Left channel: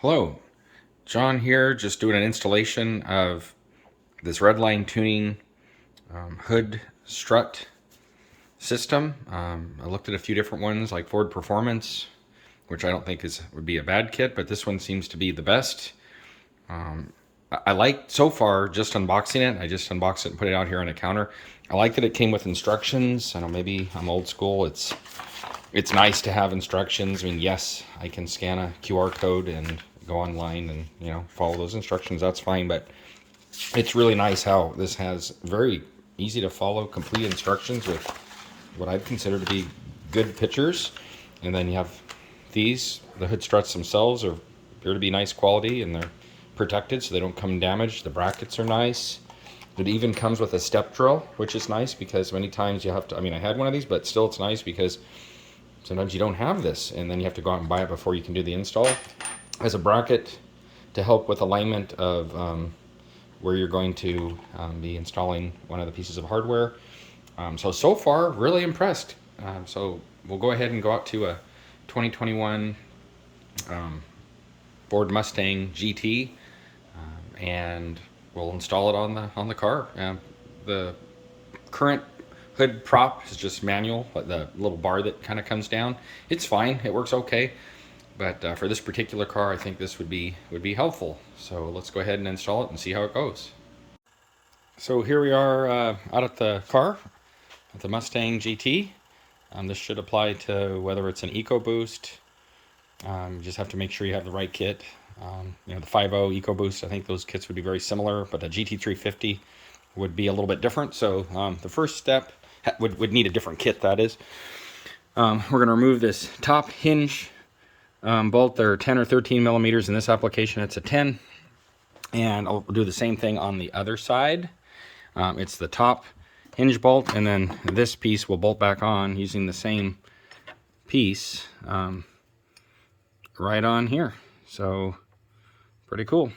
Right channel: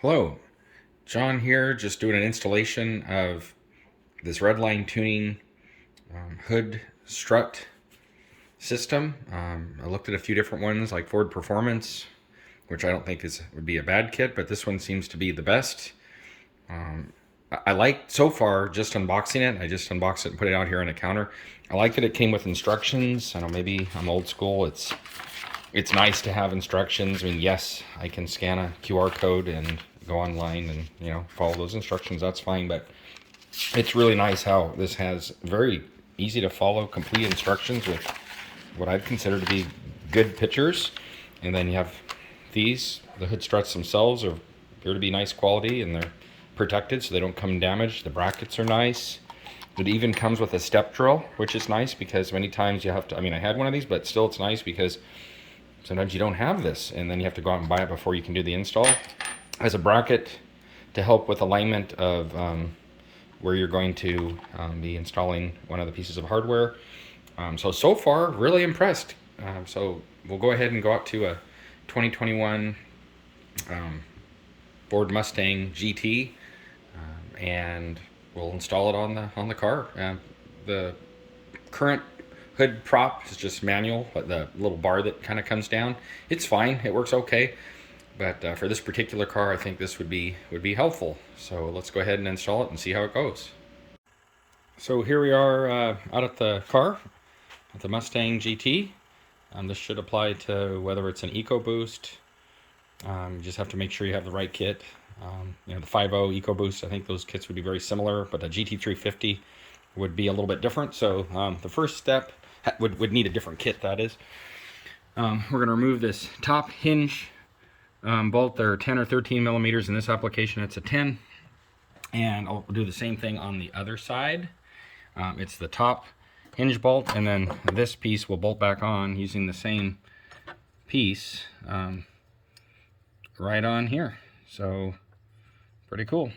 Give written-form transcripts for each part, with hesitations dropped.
Hello, John here, just doing an installation of this Redline tuning hood strut system. I looked at a few different ones like Ford Performance, which I don't think would be a bad kit, but this one seems to be the best. I like so far just unboxing it. I just unboxed it and put it out here on the counter. I like that it came with instructions. I know maybe I'm old school. It's nice to have instructions. I mean, yes, I can scan a QR code and go online and follow those instructions. That's fine, but it's really nice how this has very easy to follow complete instructions with what I'd consider to be good pictures. And then you have these, the hood struts themselves appear to be nice quality, and they're protected so they don't come damaged. The brackets are nice. It even comes with a step drill, which is nice because many times you have to, I had one of these, but still it's nice because sometimes you don't have this and then you have to go out and buy it before you can do the install. It has a bracket to help with alignment of where you're going to be installing one of the pieces of hardware. So far, really impressed. So we'll go ahead and go out to a 2021 Ford Mustang GT and we'll install it on the car. The current hood prop is just manual, but the little bar that kind of comes down, it's fine. It works okay. But for this particular car, I think this would be helpful. So let's go ahead and install it and see how it goes. So here we are out at the car, at the Mustang GT. This should apply to whether it's an Ecoboost. You just have to make sure you have the right kit. The 5.0 Ecoboost, I think those kits would be very similar, but the GT350 would be a little bit different. So the first step would need a different kit, that is. We're going to remove this top hinge bolt. They're 10 or 13 millimeters. In this application, it's a 10. And I'll do the same thing on the other side. It's the top hinge bolt, and then this piece will bolt back on using the same piece right on here. So pretty cool.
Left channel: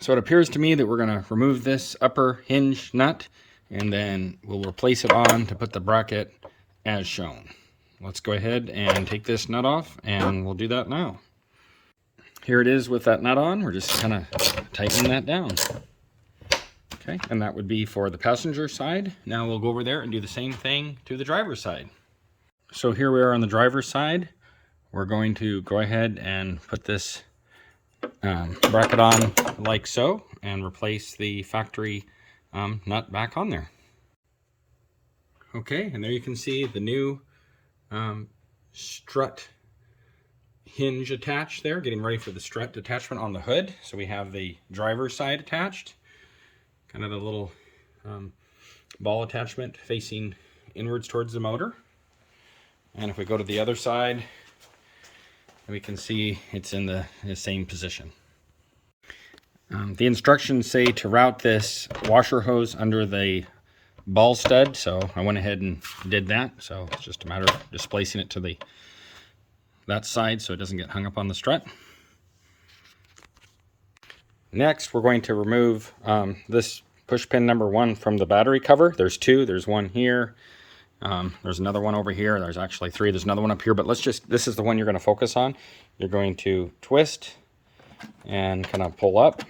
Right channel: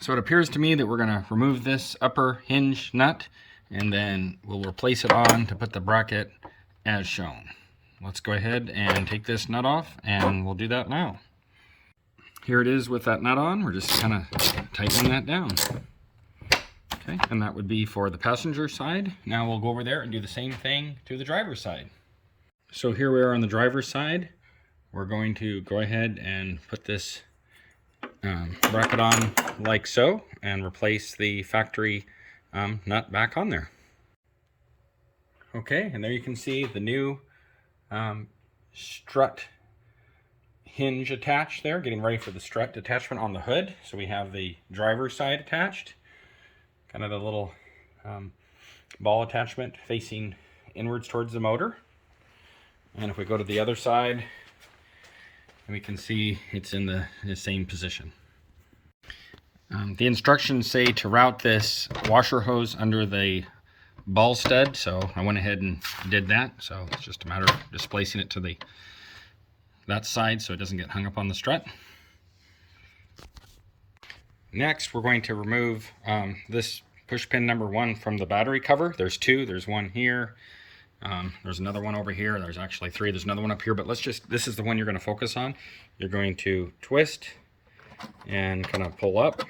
So it appears to me that we're going to remove this upper hinge nut, and then we'll replace it on to put the bracket as shown. Let's go ahead and take this nut off, and we'll do that now. Here it is with that nut on. We're just kind of tightening that down. Okay, and that would be for the passenger side. Now we'll go over there and do the same thing to the driver's side. So here we are on the driver's side. We're going to go ahead and put this bracket on like so and replace the factory nut back on there. Okay, and there you can see the new strut hinge attached there, getting ready for the strut attachment on the hood. So we have the driver's side attached, kind of the little ball attachment facing inwards towards the motor. And if we go to the other side, we can see it's in the same position. The instructions say to route this washer hose under the ball stud, so I went ahead and did that. So it's just a matter of displacing it to that side so it doesn't get hung up on the strut. Next, we're going to remove this push pin number 1 from the battery cover. There's 2. There's one here. There's another one over here. There's actually 3. There's another one up here, but this is the one you're going to focus on. You're going to twist and kind of pull up,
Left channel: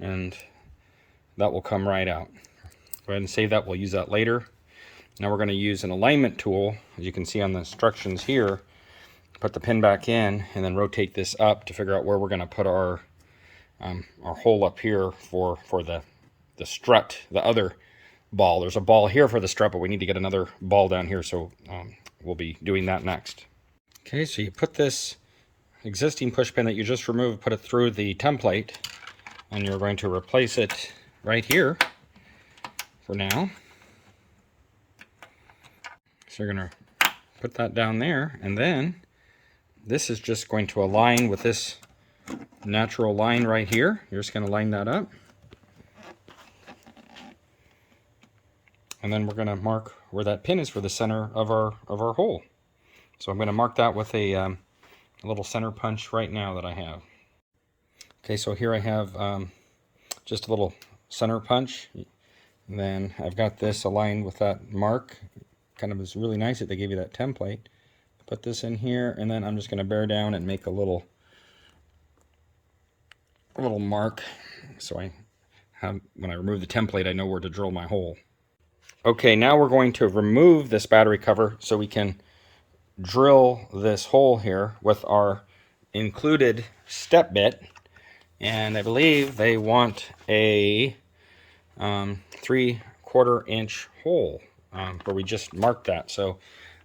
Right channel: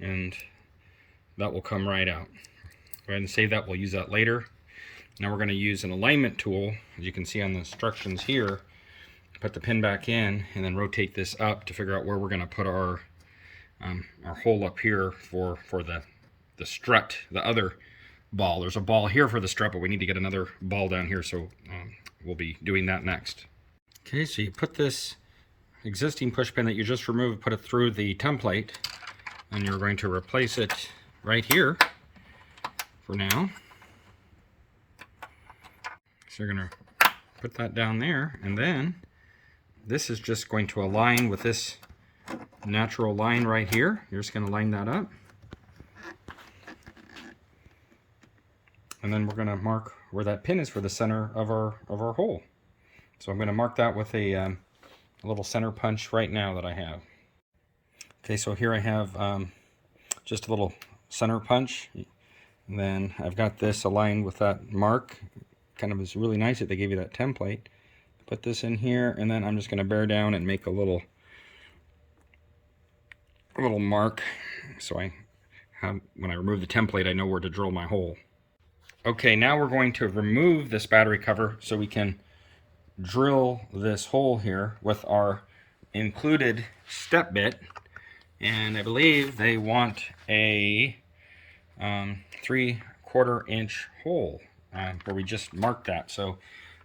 and that will come right out. Go ahead and save that. We'll use that later. Now we're going to use an alignment tool, as you can see on the instructions here. Put the pin back in and then rotate this up to figure out where we're going to put our hole up here for the strut, the other ball. There's a ball here for the strut, but we need to get another ball down here, so we'll be doing that next. Okay, so you put this existing push pin that you just removed, put it through the template, and you're going to replace it right here for now. So you're going to put that down there, and then this is just going to align with this natural line right here. You're just going to line that up. And then we're going to mark where that pin is for the center of our hole. So I'm going to mark that with a little center punch right now that I have. Okay, so here I have just a little center punch. And then I've got this aligned with that mark. Kind of is really nice that they gave you that template. put this in here, and then I'm just going to bear down and make a little mark, so I have, when I remove the template, I know where to drill my hole. Okay, now we're going to remove this battery cover so we can drill this hole here with our included step bit. And I believe they want a 3/4 inch hole where we just marked that. So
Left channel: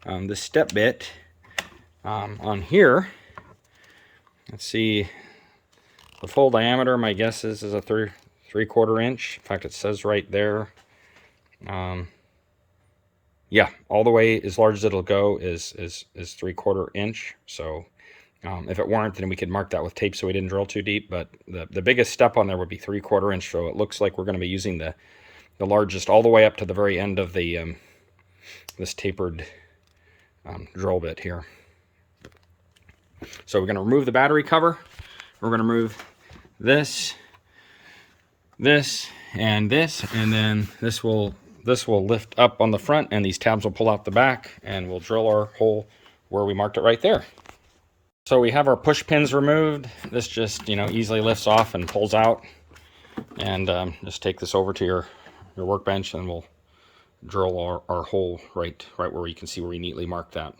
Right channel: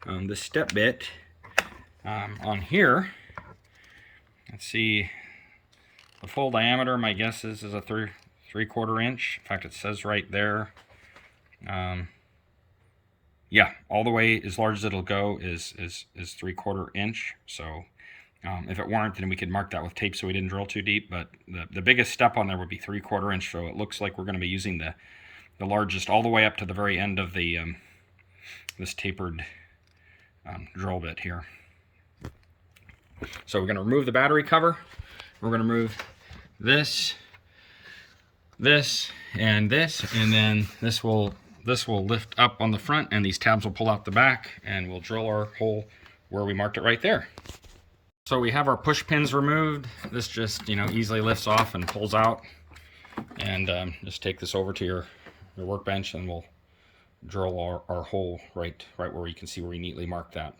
the step bit on here, let's see, the full diameter, my guess is a 3/4 inch. In fact, it says right there. Yeah, all the way as large as it'll go is 3/4 inch. So if it weren't, then we could mark that with tape so we didn't drill too deep. But the biggest step on there would be 3/4 inch. So it looks like we're going to be using the largest all the way up to the very end of the this tapered drill bit here. So we're going to remove the battery cover. We're going to remove this, and then this will lift up on the front, and these tabs will pull out the back, and we'll drill our hole where we marked it right there. So we have our push pins removed. This just, you know, easily lifts off and pulls out. And just take this over to your workbench, and we'll drill our hole right where you can see where we neatly marked that.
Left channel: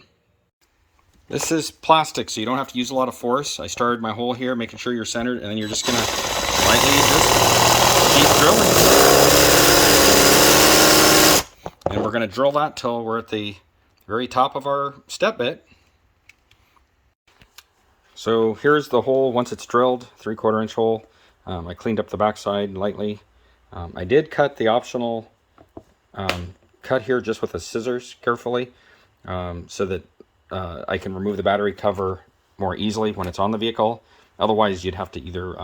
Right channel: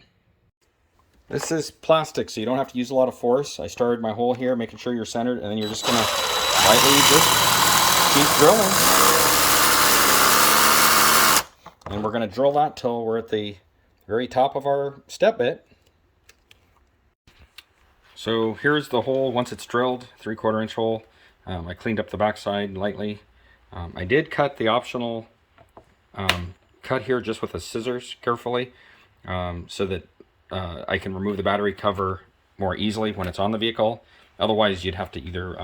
This is plastic, so you don't have to use a lot of force. I started my hole here, making sure you're centered, and then you're just gonna lightly just keep drilling. And we're gonna drill that till we're at the very top of our step bit. So here's the hole once it's drilled, 3/4 inch hole. I cleaned up the backside lightly. I did cut the optional cut here just with the scissors carefully, so that I can remove the battery cover more easily when it's on the vehicle. Otherwise, you'd have to either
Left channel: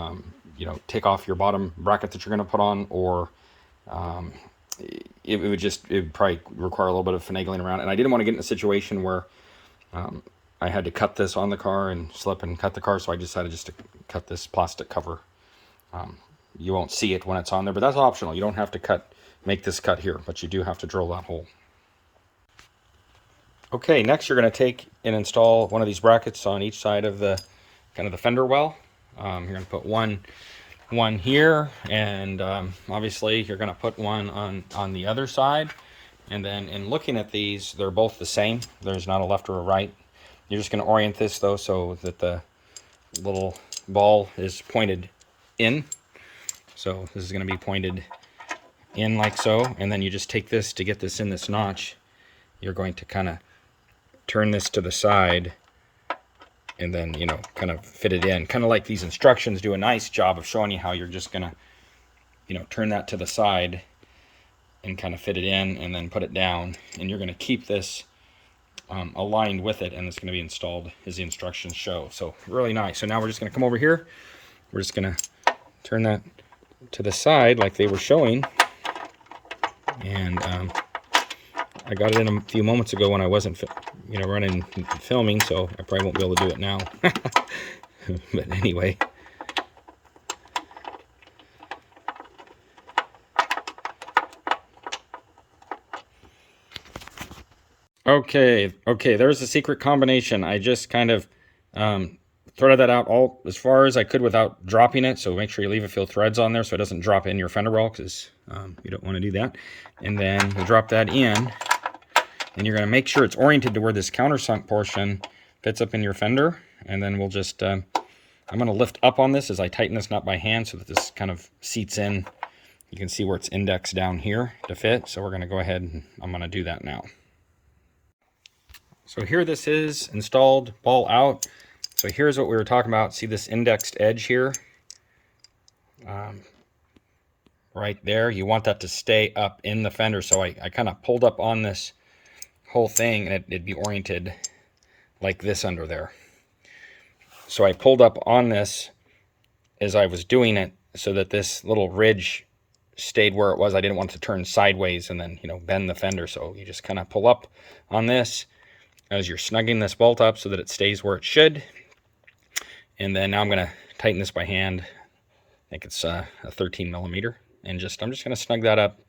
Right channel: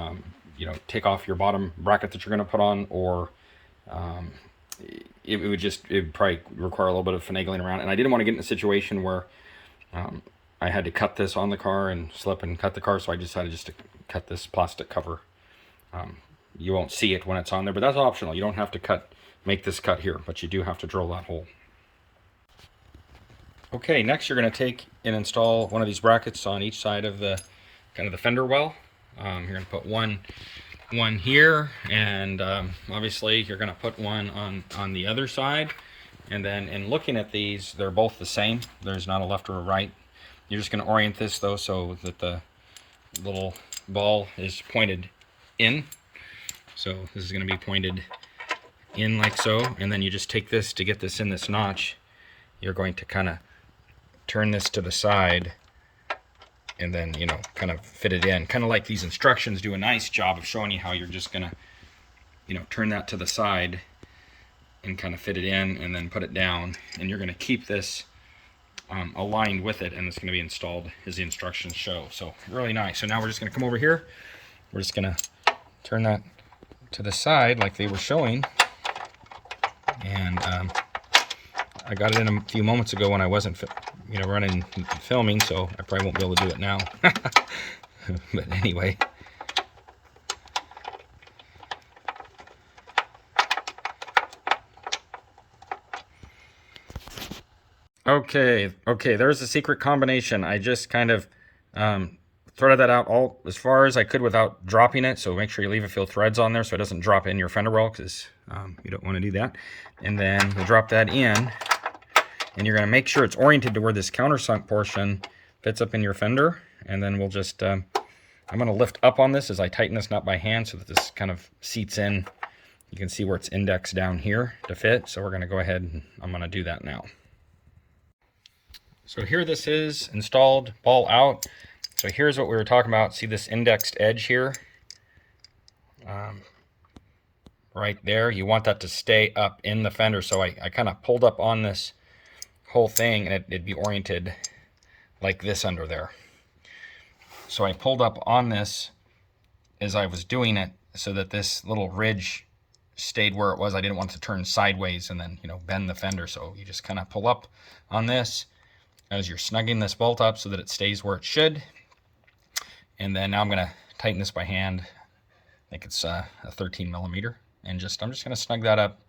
you know, take off your bottom bracket that you're going to put on, or it would probably require a little bit of finagling around. And I didn't want to get in a situation where I had to cut this on the car and slip and cut the car, so I decided just to cut this plastic cover. You won't see it when it's on there, but that's optional. You don't have to make this cut here, but you do have to drill that hole. Okay, next you're going to take and install one of these brackets on each side of the kind of the fender well. You're going to put one here, and obviously you're going to put one on the other side. And then in looking at these, they're both the same. There's not a left or a right. You're just going to orient this though so that the little ball is pointed in. So this is going to be pointed in like so, and then you just take this to get this in this notch. You're going to kind of turn this to the side, and then, you know, kind of fit it in, kind of like these instructions do a nice job of showing you how you're just gonna, you know, turn that to the side and kind of fit it in, and then put it down, and you're going to keep this aligned with it, and it's going to be installed as the instructions show. So really nice. So now we're just going to come over here. We're just going to turn that to the side like they were showing, and I got it in a few moments ago when I wasn't, you know, running filming, so I probably won't be able to do it now. But anyway. Okay, there's the secret combination. I just kind of threaded that out all as far as I could without dropping it, so make sure you leave a few threads on there so it doesn't drop in your fender well, because you don't want to do that. And then we'll drop that in, and you're going to make sure it's oriented to where this countersunk portion fits up in your fender. And then we'll just, I'm going to lift up on this as I tighten this nut by hand so that this kind of seats in. You can see where it's indexed down here to fit. So we're going to go ahead and I'm going to do that now. So here this is installed, ball out. So here's what we were talking about. See this indexed edge here? Right there. You want that to stay up in the fender. So I kind of pulled up on this whole thing, and it'd be oriented like this under there. So I pulled up on this as I was doing it so that this little ridge stayed where it was. I didn't want it to turn sideways and then, you know, bend the fender. So you just kind of pull up on this as you're snugging this bolt up so that it stays where it should. And then now I'm going to tighten this by hand. I think it's a 13 millimeter. And I'm just going to snug that up.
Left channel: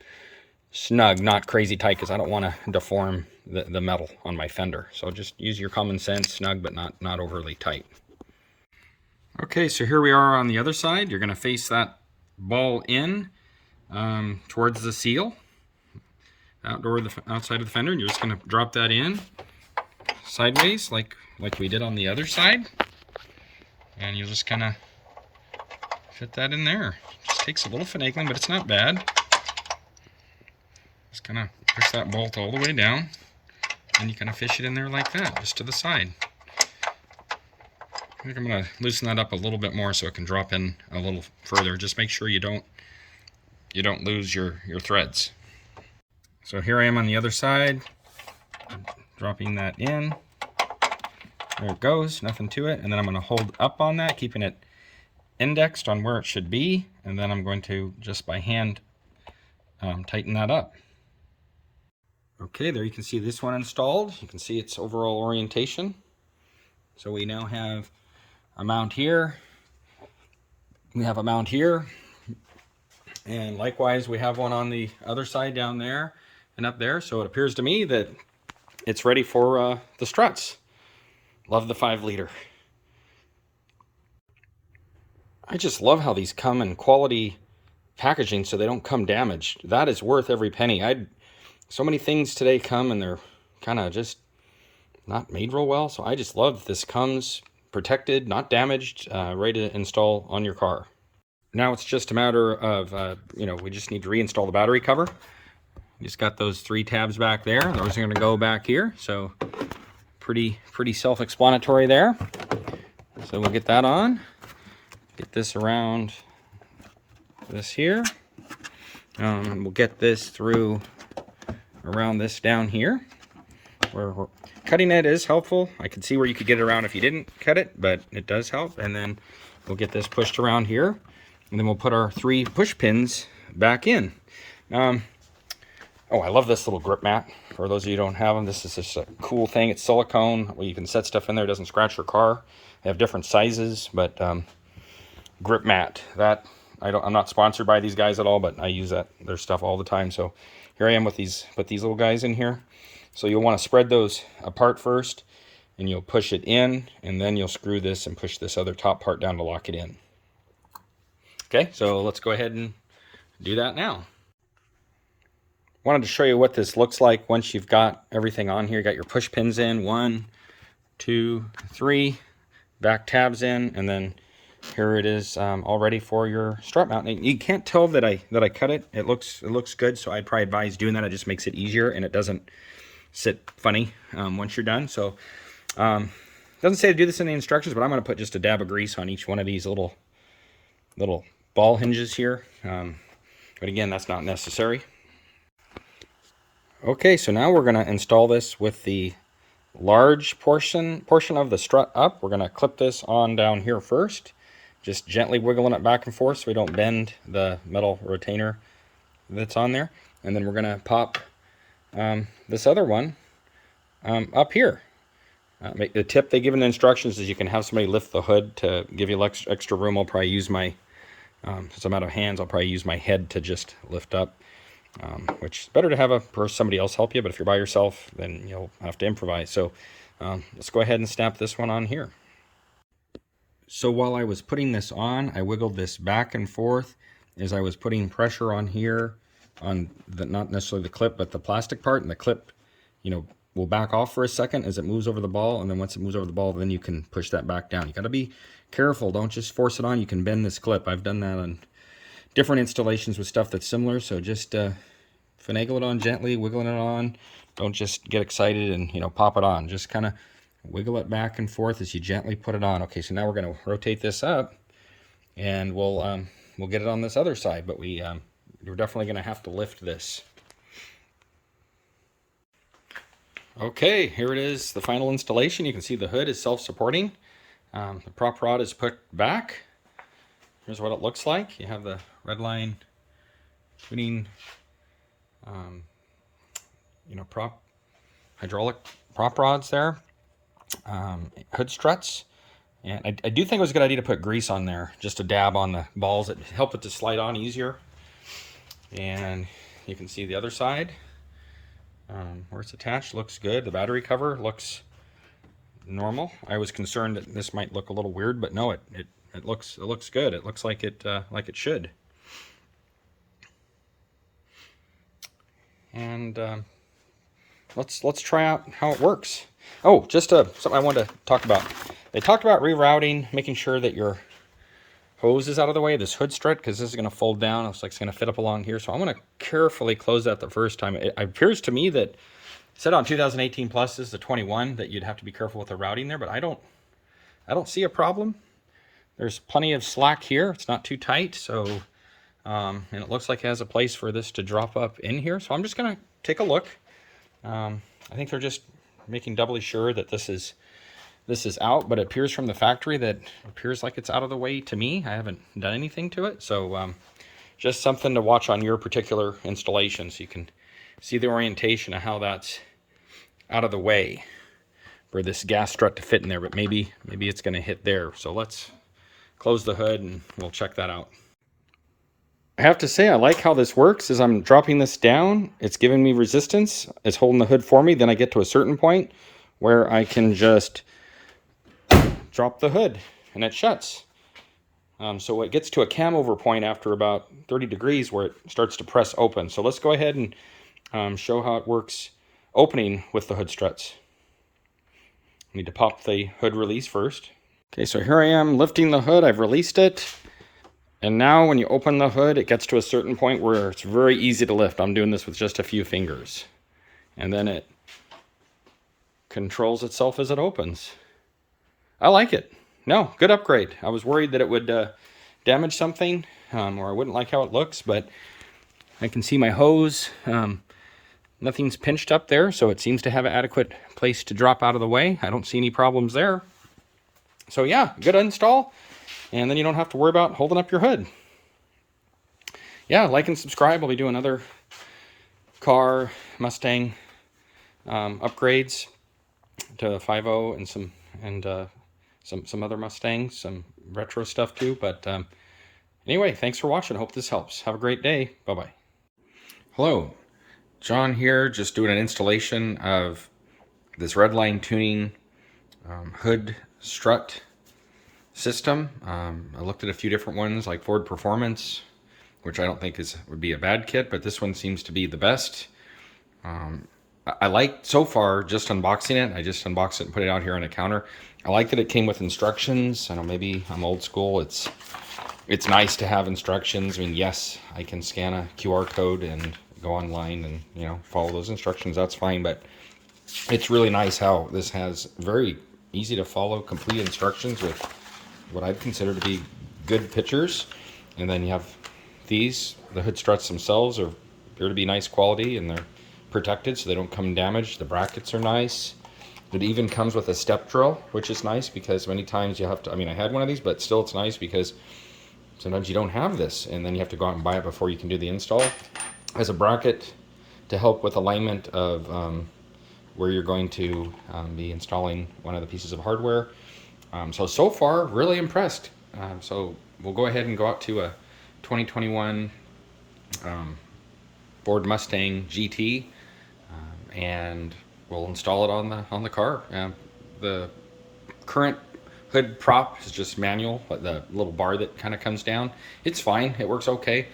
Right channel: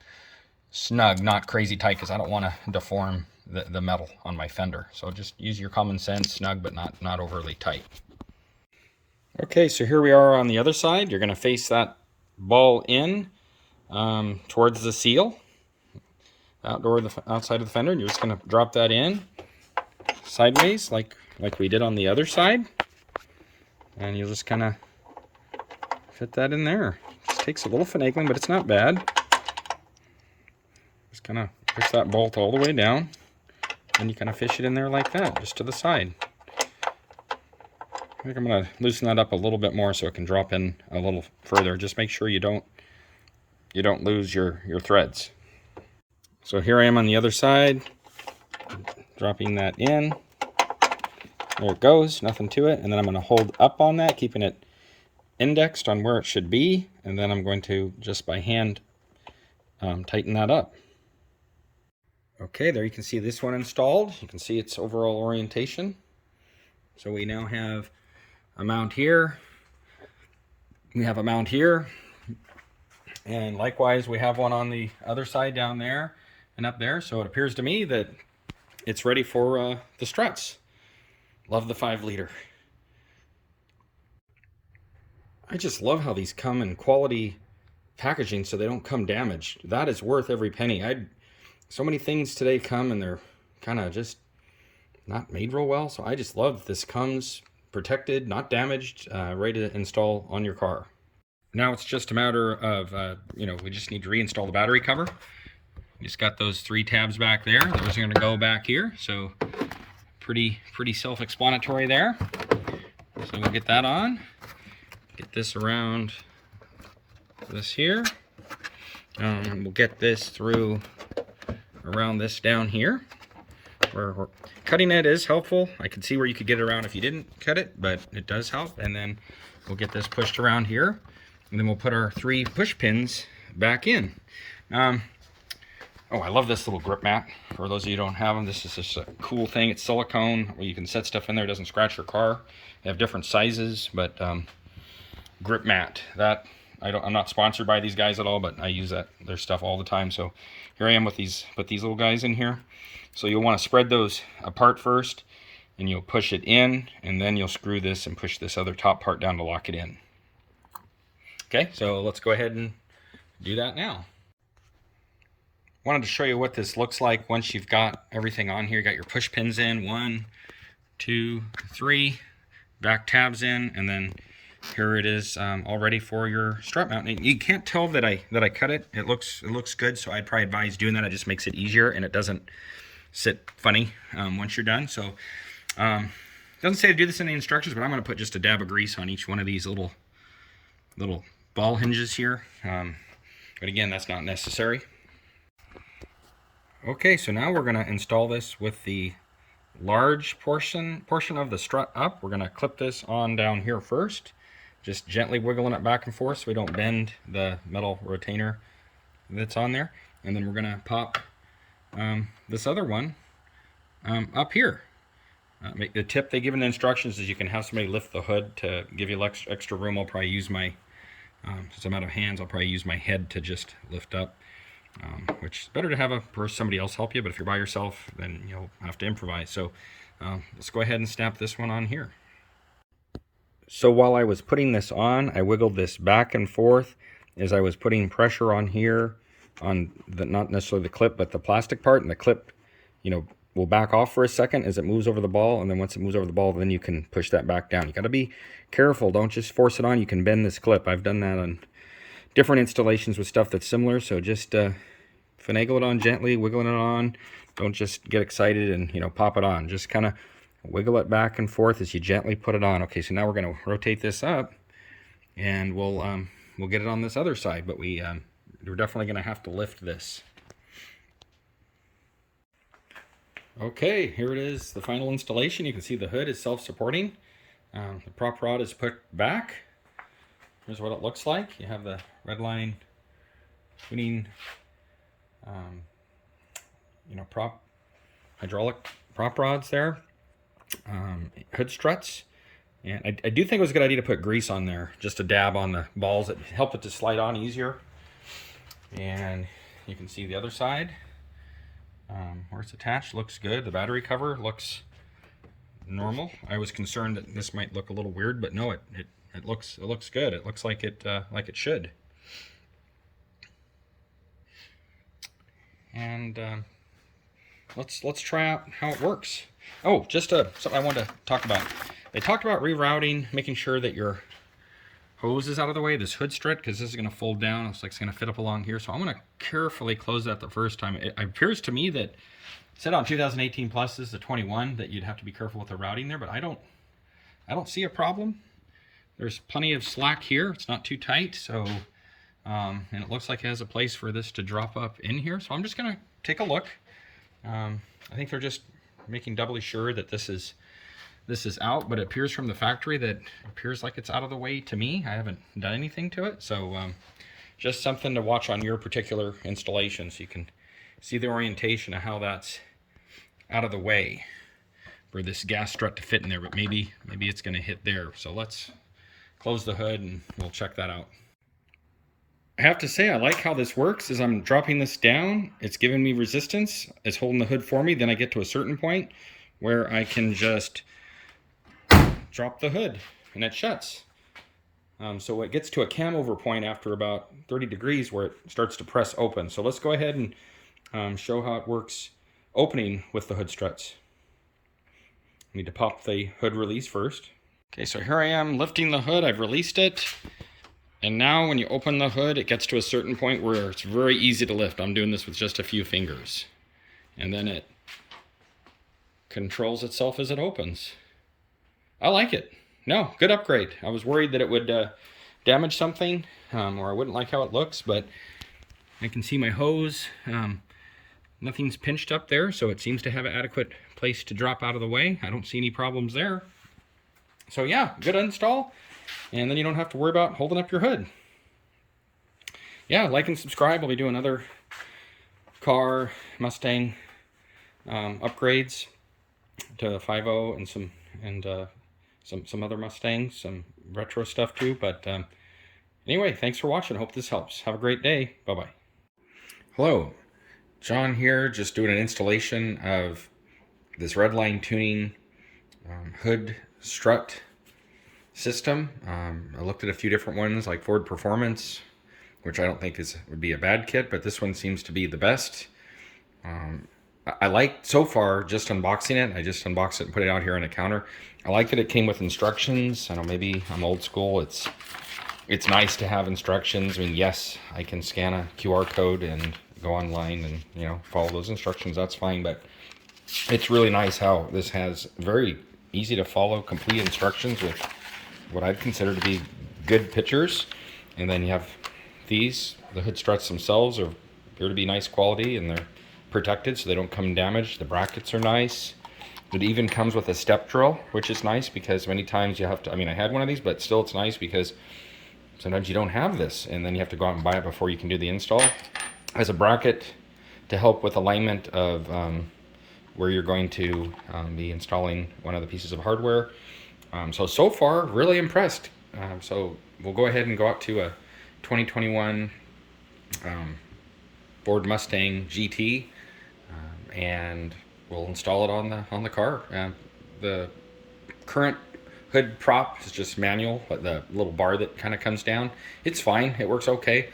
Snug, not crazy tight, because I don't want to deform the metal on my fender. So just use your common sense, snug but not overly tight. Okay, so here we are on the other side. You're going to face that ball in towards the seal, outside of the fender, and you're just going to drop that in sideways like we did on the other side, and you'll just kind of fit that in there. Just takes a little finagling, but it's not bad. Just kind of push that bolt all the way down, and you kind of fish it in there like that, just to the side. I think I'm going to loosen that up a little bit more so it can drop in a little further. Just make sure you don't lose your threads. So here I am on the other side, dropping that in. There it goes, nothing to it. And then I'm going to hold up on that, keeping it indexed on where it should be. And then I'm going to just by hand tighten that up. Okay, there you can see this one installed. You can see its overall orientation. So we now have a mount here. We have a mount here. And likewise, we have one on the other side down there and up there. So it appears to me that it's ready for the Struts. Love the 5-liter. I just love how these come in quality packaging so they don't come damaged. That is worth every penny. So many things today come and they're kind of just not made real well. So I just love this comes protected, not damaged, ready to install on your car. Now it's just a matter of, we just need to reinstall the battery cover. You just got those 3 tabs back there. Those are going to go back here. So pretty self-explanatory there. So we'll get that on. Get this around this here. We'll get this through around this down here. Where cutting it is helpful. I can see where you could get it around if you didn't cut it, but it does help. And then we'll get this pushed around here. And then we'll put our 3 push pins back in. Oh, I love this little grip mat. For those of you who don't have them, this is just a cool thing. It's silicone where you can set stuff in there. It doesn't scratch your car. They have different sizes, but grip mat. I'm not sponsored by these guys at all, but I use their stuff all the time. So here I am with these. Put these little guys in here. So you'll want to spread those apart first, and you'll push it in, and then you'll screw this and push this other top part down to lock it in. Okay, so let's go ahead and do that now. Wanted to show you what this looks like once you've got everything on here. You got your push pins in, 1, 2, 3, back tabs in, and then here it is all ready for your strut mount. And you can't tell that I cut it. It looks good, so I'd probably advise doing that. It just makes it easier and it doesn't sit funny once you're done. So doesn't say to do this in the instructions, but I'm going to put just a dab of grease on each one of these little ball hinges here. But again, that's not necessary. Okay, so now we're going to install this with the large portion of the strut up. We're going to clip this on down here first, just gently wiggling it back and forth so we don't bend the metal retainer that's on there. And then we're going to pop this other one up here. The tip they give in the instructions is you can have somebody lift the hood to give you extra room. I'll probably use my, since I'm out of hands, I'll probably use my head to just lift up. Which is better to have somebody else help you, but if you're by yourself, then you'll have to improvise. So let's go ahead and snap this one on here. So while I was putting this on, I wiggled this back and forth as I was putting pressure on here, on the, not necessarily the clip, but the plastic part, and the clip, will back off for a second as it moves over the ball, and then once it moves over the ball, then you can push that back down. You got to be careful. Don't just force it on. You can bend this clip. I've done that on different installations with stuff that's similar, so just finagle it on gently, wiggling it on. Don't just get excited and pop it on. Just kind of wiggle it back and forth as you gently put it on. Okay, so now we're going to rotate this up, and we'll get it on this other side, but we're definitely going to have to lift this. Okay, here it is, the final installation. You can see the hood is self-supporting. The prop rod is put back. Here's what it looks like. You have the Redline tuning, hydraulic prop rods there, hood struts. And I do think it was a good idea to put grease on there, just a dab on the balls. It helped it to slide on easier. And you can see the other side. Where it's attached looks good. The battery cover looks normal. I was concerned that this might look a little weird, but no, it looks good. It looks like it should. And let's try out how it works. Oh, just something I wanted to talk about. They talked about rerouting, making sure that your hose is out of the way, this hood strut, because this is going to fold down. It looks like it's going to fit up along here. So I'm going to carefully close that the first time. It appears to me that it said on 2018 Plus is the 21 that you'd have to be careful with the routing there, but I don't see a problem. There's plenty of slack here. It's not too tight, so and it looks like it has a place for this to drop up in here. So I'm just going to take a look. I think they're just making doubly sure that this is out, but it appears from the factory that it appears like it's out of the way to me. I haven't done anything to it, so just something to watch on your particular installation so you can see the orientation of how that's out of the way for this gas strut to fit in there, but maybe it's going to hit there. So let's close the hood and we'll check that out. I have to say, I like how this works. As I'm dropping this down, it's giving me resistance. It's holding the hood for me. Then I get to a certain point where I can just drop the hood and it shuts. So it gets to a cam over point after about 30 degrees where it starts to press open. So let's go ahead and show how it works opening with the hood struts. I need to pop the hood release first. Okay, so here I am lifting the hood. I've released it. And now when you open the hood, it gets to a certain point where it's very easy to lift. I'm doing this with just a few fingers. And then it controls itself as it opens. I like it. No, good upgrade. I was worried that it would damage something, or I wouldn't like how it looks, but I can see my hose. Nothing's pinched up there, so it seems to have an adequate place to drop out of the way. I don't see any problems there. So yeah, good install. And then you don't have to worry about holding up your hood. Yeah, like and subscribe. I'll be doing other car, Mustang upgrades to 5.0 and some other Mustangs, some retro stuff too. But anyway, thanks for watching. Hope this helps. Have a great day. Bye-bye. Hello, John here, just doing an installation of this Redline tuning Hoodstrut system. I looked at a few different ones like Ford Performance, which I don't think would be a bad kit, but this one seems to be the best. I like so far just unboxing it. I just unboxed it and put it out here on a counter. I like that it came with instructions. I know maybe I'm old school. It's nice to have instructions. I mean, yes, I can scan a QR code and go online and follow those instructions. That's fine, but it's really nice how this has very easy to follow, complete instructions with what I'd consider to be good pictures. And then you have these, the hood struts themselves appear to be nice quality, and they're protected so they don't come damaged. The brackets are nice. It even comes with a step drill, which is nice because many times you have to, I mean, I had one of these, but still it's nice because sometimes you don't have this and then you have to go out and buy it before you can do the install. It has a bracket to help with alignment of where you're going to be installing one of the pieces of hardware. So far, really impressed. So we'll go ahead and go out to a 2021 Ford Mustang GT, and we'll install it on the car. The current hood prop is just manual, but the little bar that kind of comes down, it's fine. It works okay.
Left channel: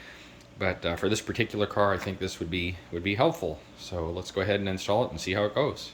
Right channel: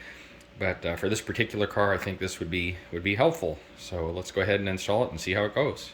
But for this particular car, I think this would be helpful. So let's go ahead and install it and see how it goes.